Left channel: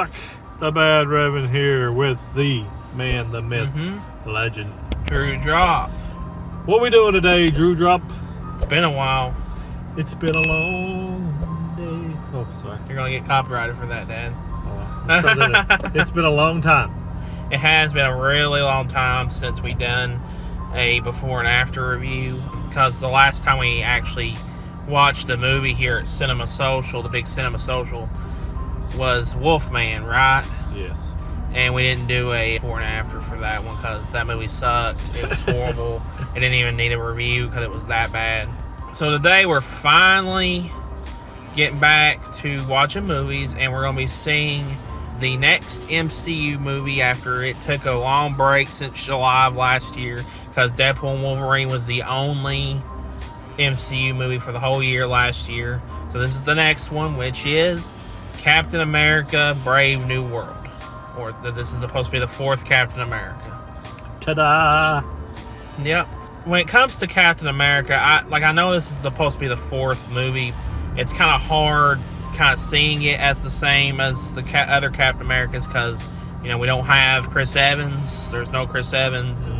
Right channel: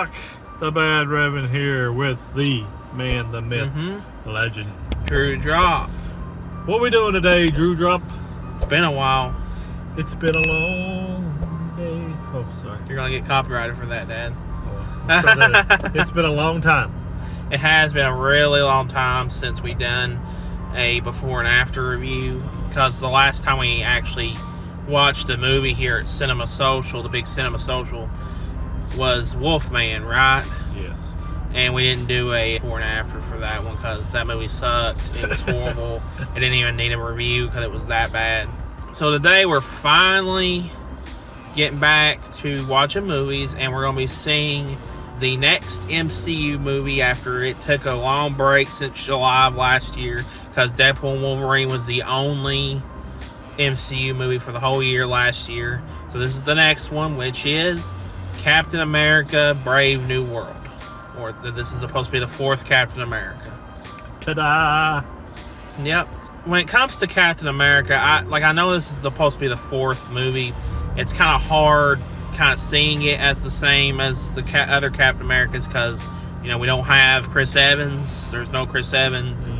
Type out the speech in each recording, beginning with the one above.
Rock, the Badraven here with the man, the myth, the legend, Drew Drop. What we doing today, Drew Drop? It's been a while. It's been a long day. Oh, sorry. You're gonna get copyrighted for that, Dad. It's been a long time. It has been a really long time since we done a before and after review, because the last time we actually watched a movie here at Cinema Social, the big Cinema Social, was Wolfman, right? Yes. And we didn't do a before and after for that one because that movie sucked. It was horrible. It didn't even need a review because it was that bad. So today we're finally getting back to watching movies, and we're going to be seeing the next MCU movie after it took a long break since July of last year, because Deadpool and Wolverine was the only MCU movie for the whole year last year. So this is the next one, which is Captain America Brave New World. Or this is supposed to be the fourth Captain America. Ta-da! Yep. When it comes to Captain America, I know this is supposed to be the fourth movie. It's kind of hard kind of seeing it as the same as the other Captain Americas, because, you know, we don't have Chris Evans. There's no Chris Evans.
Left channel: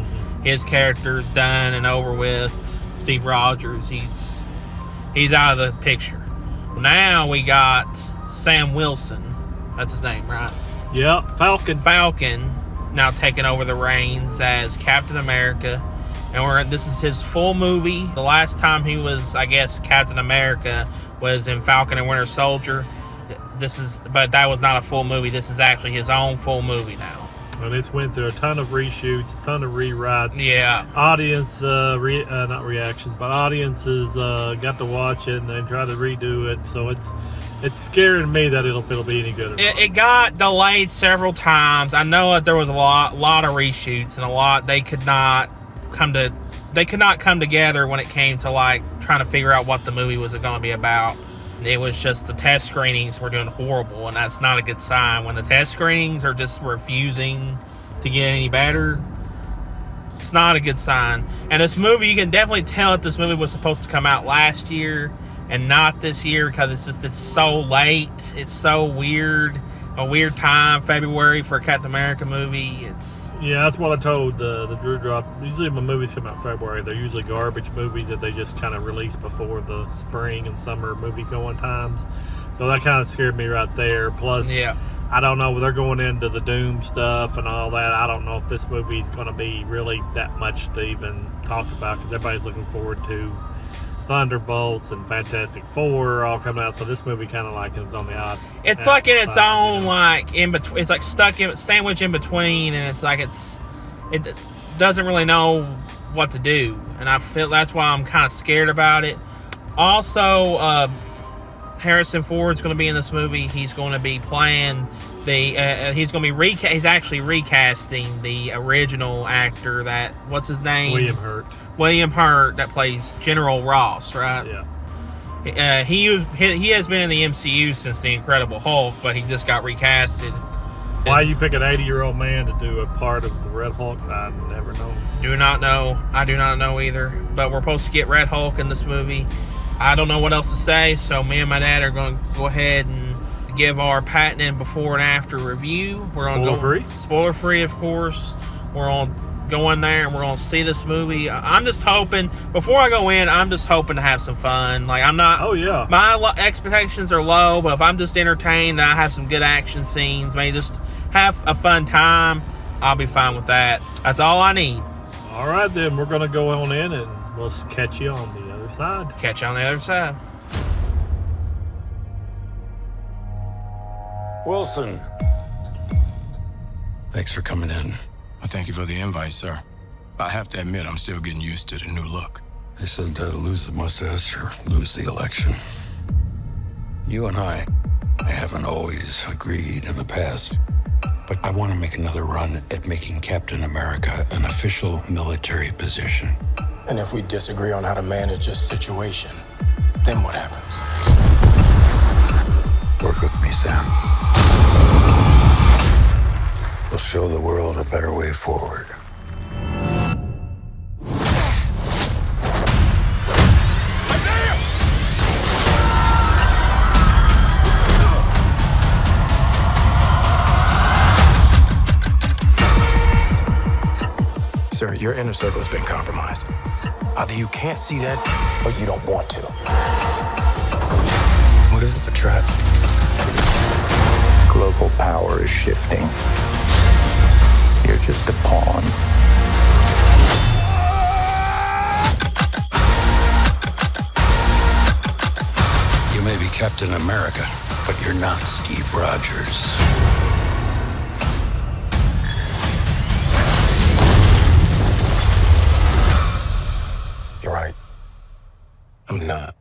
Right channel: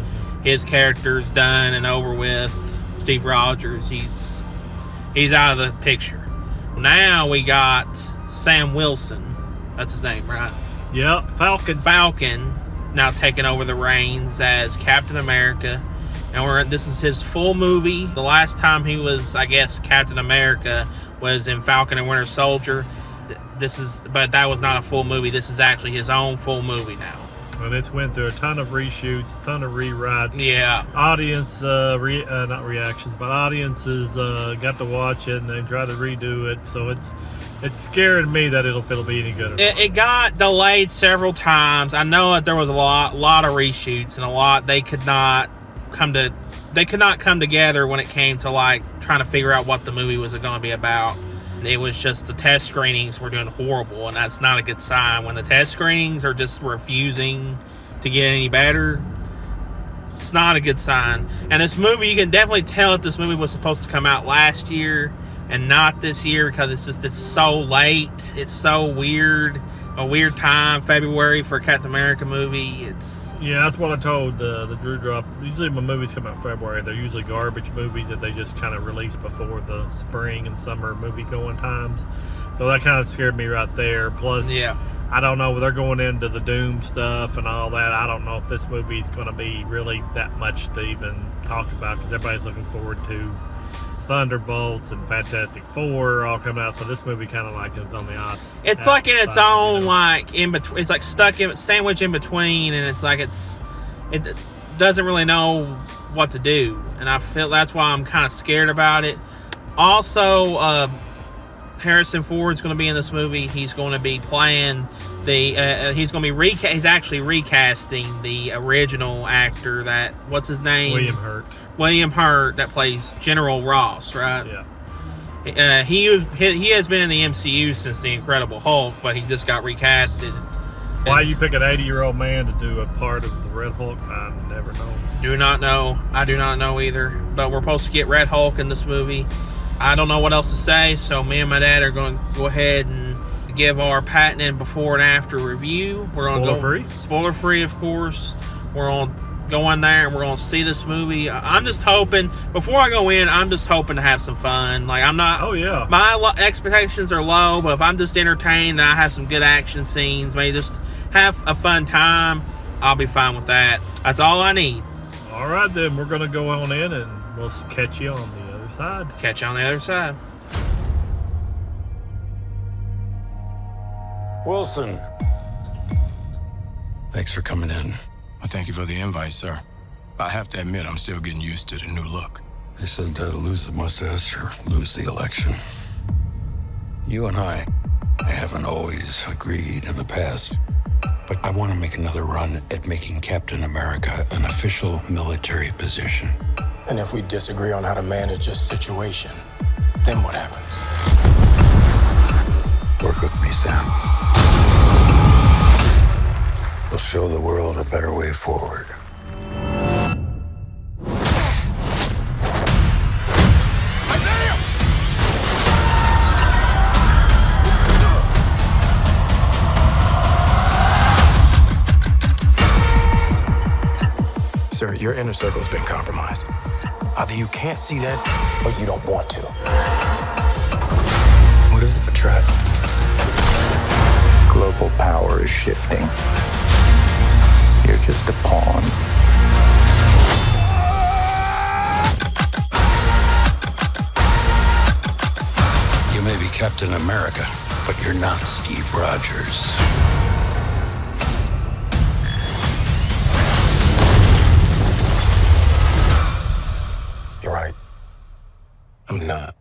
His character's done and over with. Steve Rogers, he's out of the picture. Now we got Sam Wilson. That's his name, right? Yep, Falcon now taking over the reins as Captain America. And this is his full movie. The last time he was, I guess, Captain America was in Falcon and Winter Soldier. But that was not a full movie. This is actually his own full movie now. And it's went through a ton of reshoots, a ton of rewrites. Yeah. Audience, not reactions, but audiences got to watch it and they tried to redo it. So it's scaring me that it'll be any good. It got delayed several times. I know that there was a lot of reshoots, and they could not come together when it came to like trying to figure out what the movie was going to be about. It was just the test screenings were doing horrible, and that's not a good sign. When the test screenings are just refusing to get any better, it's not a good sign. And this movie, you can definitely tell that this movie was supposed to come out last year and not this year, because it's so late. It's so weird. A weird time, February, for a Captain America movie. Yeah, that's what I told the Drew Drop. Usually when movies come out in February, they're usually garbage movies that they just kind of release before the spring and summer movie going times. So that kind of scared me right there. Plus, yeah, I don't know, they're going into the Doom stuff and all that. I don't know if this movie is going to be really that much to even talk about, because everybody's looking forward to Thunderbolts and Fantastic Four all coming out, so this movie kind of like is on the odds. It's like in its own, like in between. It's like sandwich in between, and it's like it doesn't really know what to do, and I feel that's why I'm kind of scared about it. Also, Harrison Ford's going to be in this movie. He's going to be playing he's going to be he's actually recasting the original actor that, what's his name? William Hurt, that plays General Ross, right? Yeah. He has been in the MCU since The Incredible Hulk, but he just got recasted. Why you pick an 80-year-old man to do a part of the Red Hulk? I never know. Do not know. I do not know either. But we're supposed to get Red Hulk in this movie. I don't know what else to say, so me and my dad are going to go ahead and give our patented before and after review. We're going to go spoiler free, of course. We're going to go in there and we're going to see this movie. I'm just hoping, before I go in, I'm just hoping to have some fun. Like, I'm not, oh yeah, my expectations are low, but if I'm just entertained and I have some good action scenes, maybe just have a fun time, I'll be fine with that. That's all I need. All right, then we're going to go on in and we'll catch you on the other side. Catch you on the other side. Wilson. Thanks for coming in. Well, thank you for the invite, sir. I have to admit, I'm still getting used to the new look. They said lose the mustache or lose the election. You and I haven't always agreed in the past, but I want to make another run at making Captain America an official military position. And if we disagree on how to manage a situation, then what happens? Work with me, Sam. We'll show the world a better way forward. Sir, your inner circle has been compromised. Either you can't see that, or you don't want to. What if it's a trap? Global power is shifting. You're just a pawn. You may be Captain America, but you're not Steve Rogers. You're right. I'm not.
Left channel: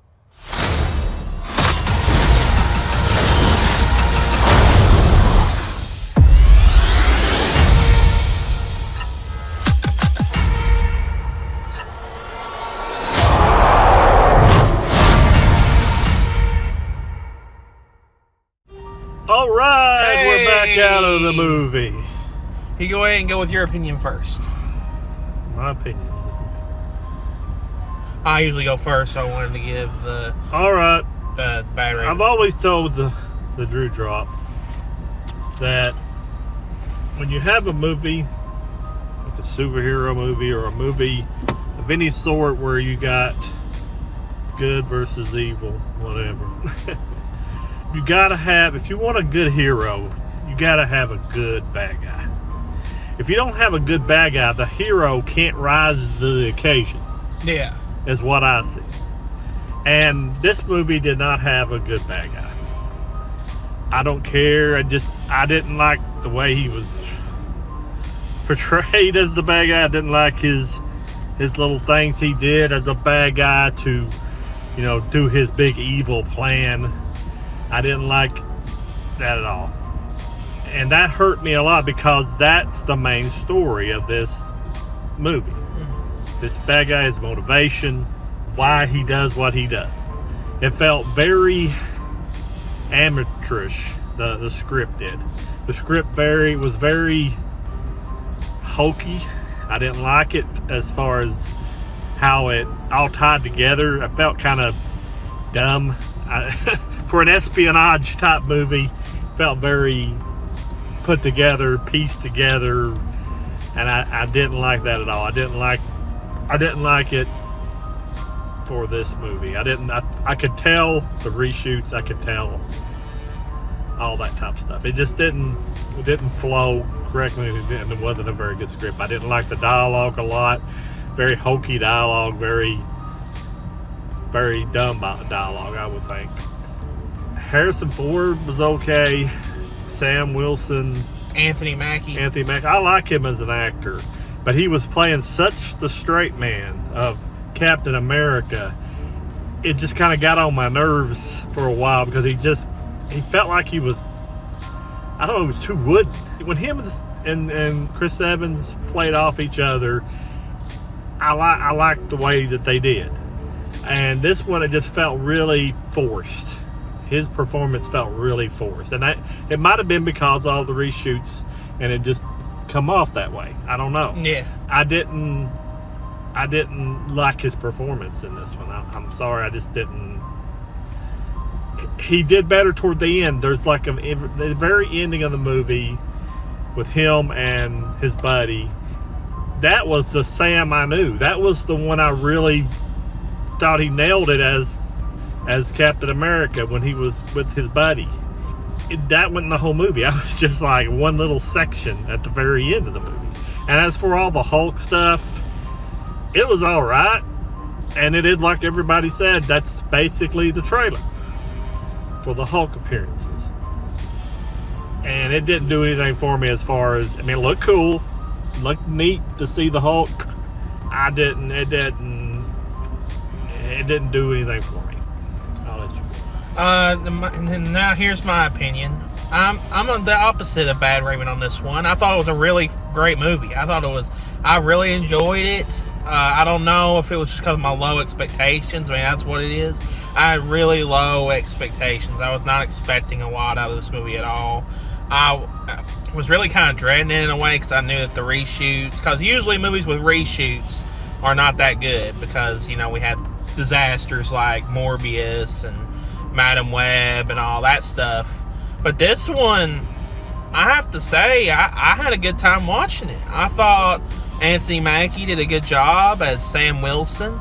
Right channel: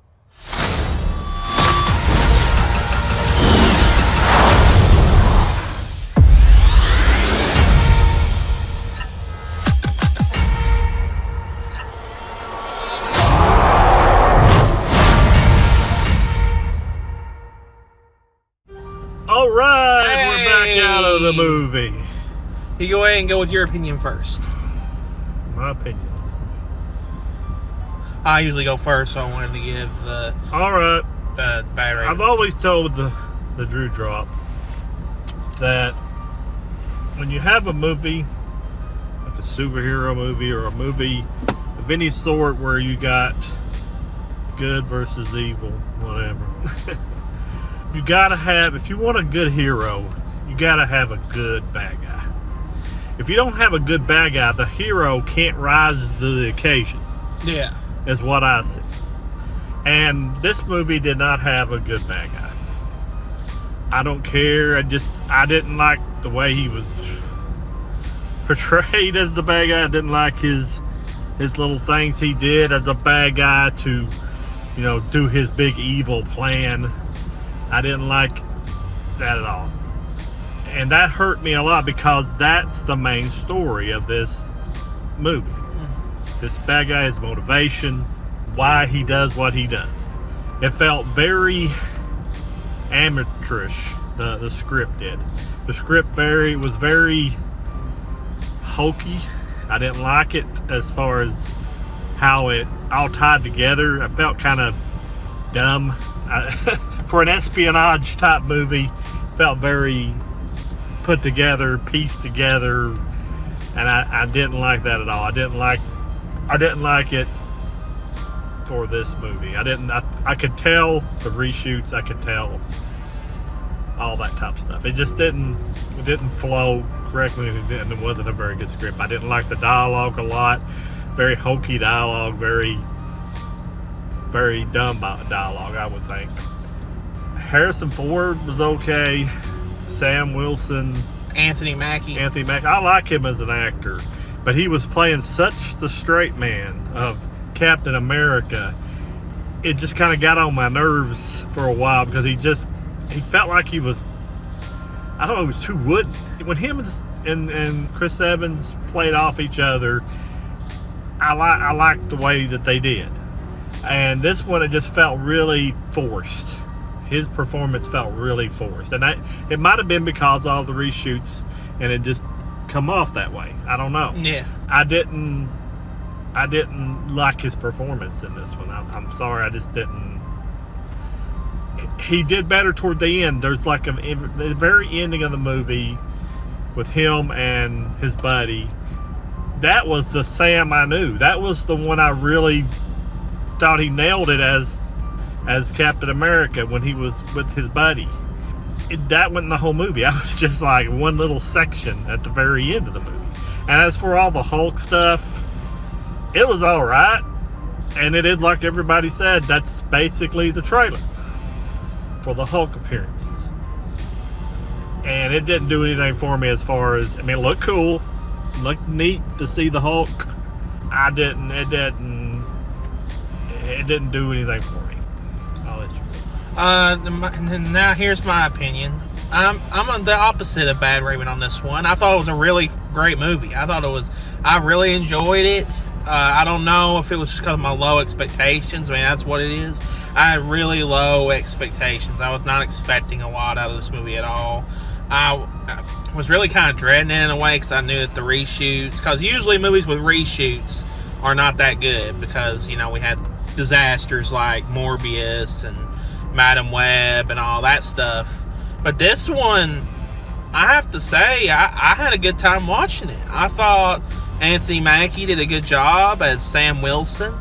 All right, we're back out of the Hey. movie. You go ahead and go with your opinion first. My opinion. I usually go first, so I wanted to give the All right. bad rating. I've always told the Drew Drop that when you have a movie, like a superhero movie or a movie of any sort where you got good versus evil, whatever, you gotta have, if you want a good hero, you gotta have a good bad guy. If you don't have a good bad guy, the hero can't rise to the occasion, Yeah. is what I see. And this movie did not have a good bad guy. I don't care. I didn't like the way he was portrayed as the bad guy. I didn't like his little things he did as a bad guy to, do his big evil plan. I didn't like that at all. And that hurt me a lot because that's the main story of this movie. This bad guy, his motivation, why he does what he does. It felt very amateurish, the script did. The script was very hokey. I didn't like it as far as how it all tied together. I felt kind of dumb. For an espionage type movie, felt very put together, pieced together, and I didn't like that at all. I didn't like it for this movie. I could tell the reshoots, I could tell all that type of stuff. It just didn't flow correctly, and it wasn't a very good script. I didn't like the dialogue a lot. Very hokey dialogue, very, very dumb dialogue, I would think. Harrison Ford was okay. Sam Wilson, Anthony Mackie. I like him as an actor, but he was playing such the straight man of Captain America. It just kind of got on my nerves for a while because he felt like he was, I don't know, he was too wooden. When him and Chris Evans played off each other, I liked the way that they did. And this one, it just felt really forced. His performance felt really forced, and it might have been because of all the reshoots, and it just come off that way. I don't know. Yeah. I didn't like his performance in this one. I'm sorry, I just didn't. He did better toward the end. There's like the very ending of the movie with him and his buddy. That was the Sam I knew. That was the one I really thought he nailed it as Captain America when he was with his buddy. That wasn't the whole movie. I was just like one little section at the very end of the movie. And as for all the Hulk stuff, it was all right. And it is like everybody said, that's basically the trailer for the Hulk appearances. And it didn't do anything for me as far as, it looked cool, looked neat to see the Hulk. It didn't do anything for me. Now here's my opinion. I'm on the opposite of Badraven on this one. I thought it was a really great movie. I really enjoyed it. I don't know if it was just because of my low expectations. That's what it is. I had really low expectations. I was not expecting a lot out of this movie at all. I was really kind of dreading it in a way because I knew that the reshoots, because usually movies with reshoots are not that good because, we had disasters like Morbius and Madam Web and all that stuff. But this one, I have to say, I had a good time watching it. I thought Anthony Mackie did a good job as Sam Wilson.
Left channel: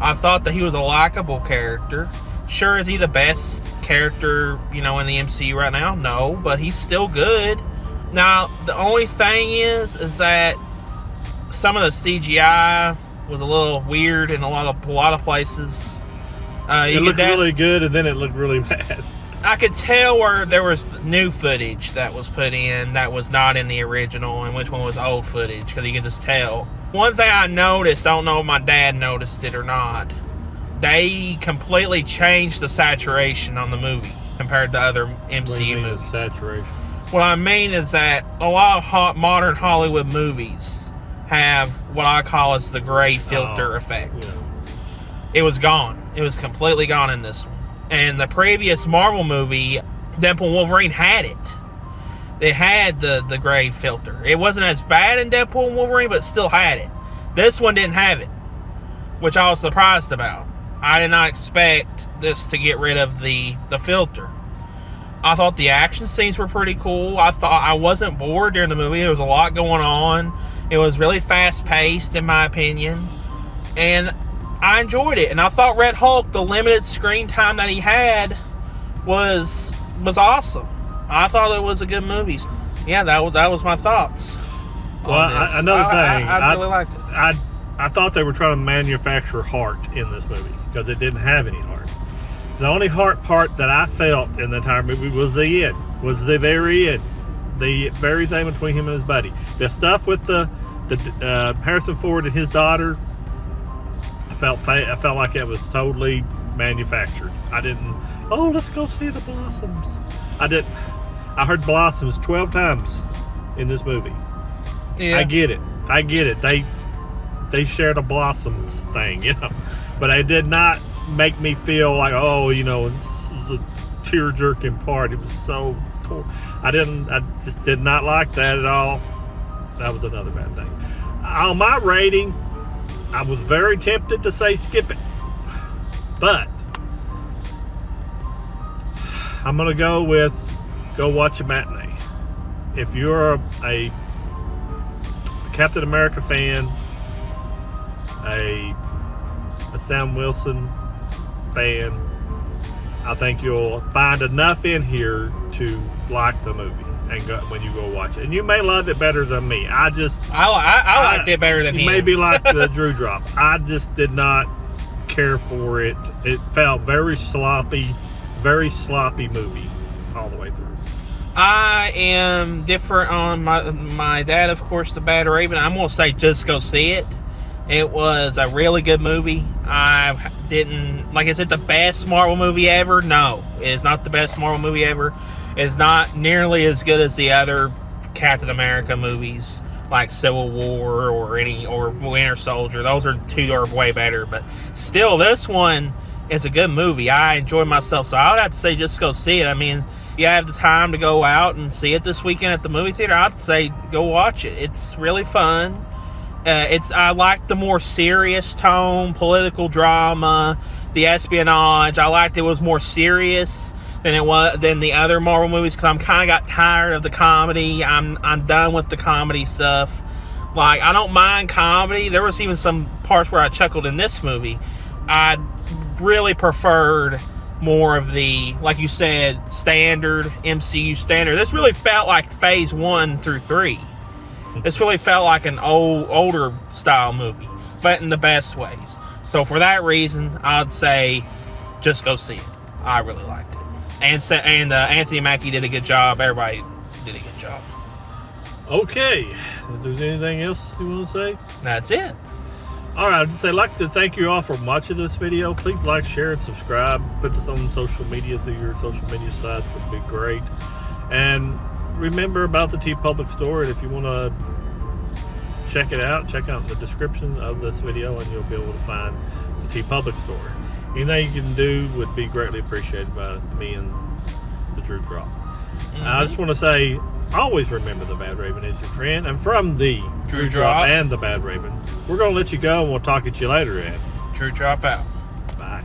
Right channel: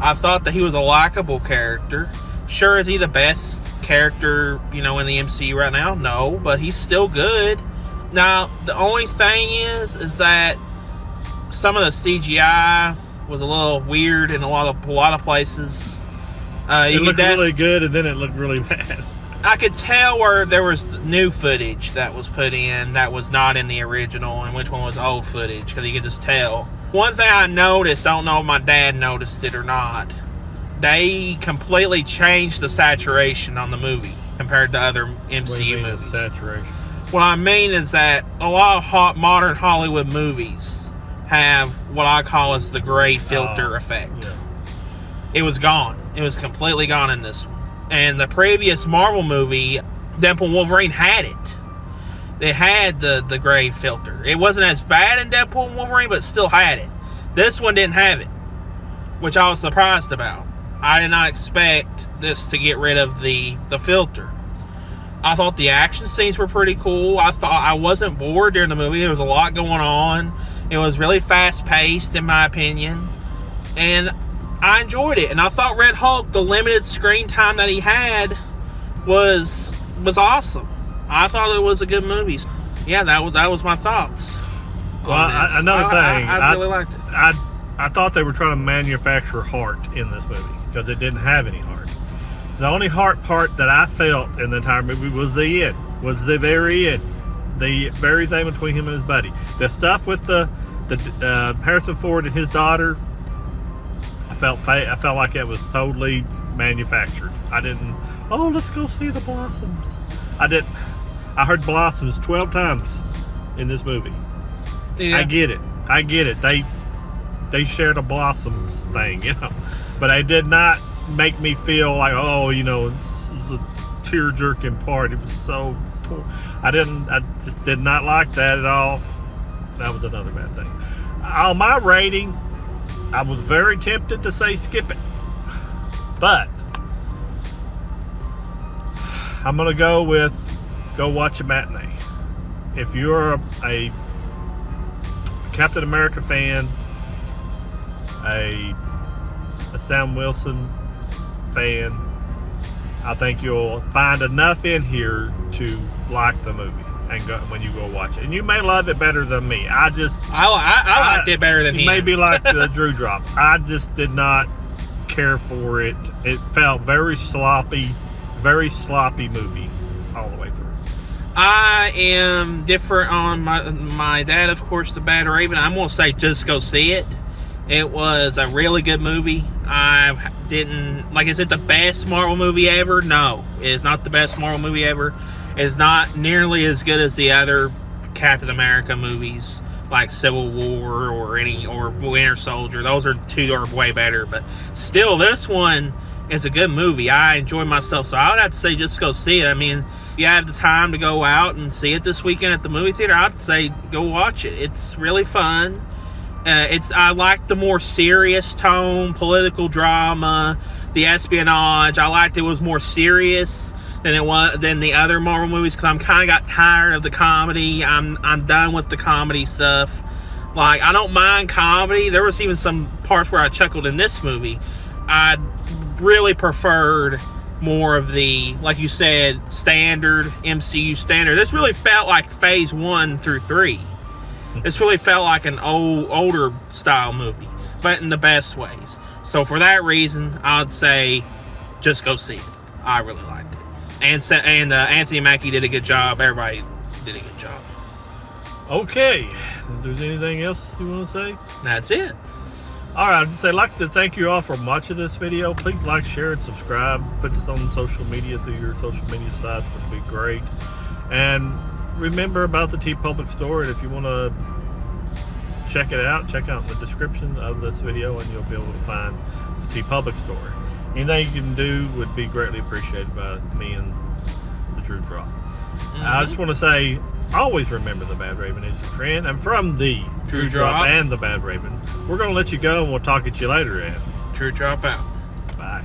I thought that he was a likable character. Sure, is he the best character, in the MCU right now? No, but he's still good. Now, the only thing is that some of the CGI was a little weird in a lot of places. It looked really good, and then it looked really bad. I could tell where there was new footage that was put in that was not in the original, and which one was old footage, because you could just tell. One thing I noticed, I don't know if my dad noticed it or not, they completely changed the saturation on the movie compared to other MCU movies. Saturation? What I mean is that a lot of modern Hollywood movies have what I call as the gray filter effect. Yeah. It was gone. It was completely gone in this one. And the previous Marvel movie, Deadpool and Wolverine, had it. They had the gray filter. It wasn't as bad in Deadpool and Wolverine, but still had it. This one didn't have it, which I was surprised about. I did not expect this to get rid of the filter. I thought the action scenes were pretty cool. I thought I wasn't bored during the movie. There was a lot going on. It was really fast-paced, in my opinion. And I enjoyed it. And I thought Red Hulk, the limited screen time that he had, was awesome. I thought it was a good movie. Yeah, that was my thoughts. Well, another thing. I really liked it. I thought they were trying to manufacture heart in this movie because it didn't have any heart. The only heart part that I felt in the entire movie was the end, was the very end. The very thing between him and his buddy. The stuff with the Harrison Ford and his daughter, I felt like it was totally manufactured. I didn't, let's go see the blossoms. I heard blossoms 12 times in this movie. Yeah. I get it. They shared a blossoms thing, but it did not make me feel like, this is a tear-jerking part. It was so, I just did not like that at all. That was another bad thing. On my rating, I was very tempted to say skip it, but I'm gonna go watch a matinee. If you're a Captain America fan, a Sam Wilson fan, I think you'll find enough in here to like the movie and go when you go watch it. And you may love it better than me. I liked it better than him. Maybe like the Drew Drop. I just did not care for it. It felt very sloppy movie all the way through. I am different on my dad, of course, the Badraven. I'm gonna say just go see it. It was a really good movie. I didn't, like, is it the best Marvel movie ever? No, it's not the best Marvel movie ever. It's not nearly as good as the other Captain America movies, like Civil War or Winter Soldier. Those are way better, but still, this one is a good movie. I enjoyed myself, so I would have to say just go see it. I mean, if you have the time to go out and see it this weekend at the movie theater, I'd say go watch it. It's really fun. I like the more serious tone, political drama, the espionage. I liked it was more serious than the other Marvel movies because I'm kind of got tired of the comedy. I'm done with the comedy stuff. Like, I don't mind comedy. There was even some parts where I chuckled in this movie. I really preferred more of the, like you said, standard MCU standard. This really felt like phase 1 through 3. This really felt like an older style movie, but in the best ways. So for that reason, I'd say just go see it. I really liked it. And Anthony Mackie did a good job. Everybody did a good job. Okay. If there's anything else you want to say? That's it. All right. I'd like to thank you all for watching this video. Please like, share, and subscribe. Put this on social media through your social media sites would be great. And remember about the TeePublic store, and if you want to check it out, check out the description of this video and you'll be able to find the TeePublic store. Anything you can do would be greatly appreciated by me and the Drew Drop. I just want to say, always remember the Badraven is your friend. And from the Drew Drop and the Badraven, we're going to let you go and we'll talk at you later, Ed. Drew Drop out. Bye.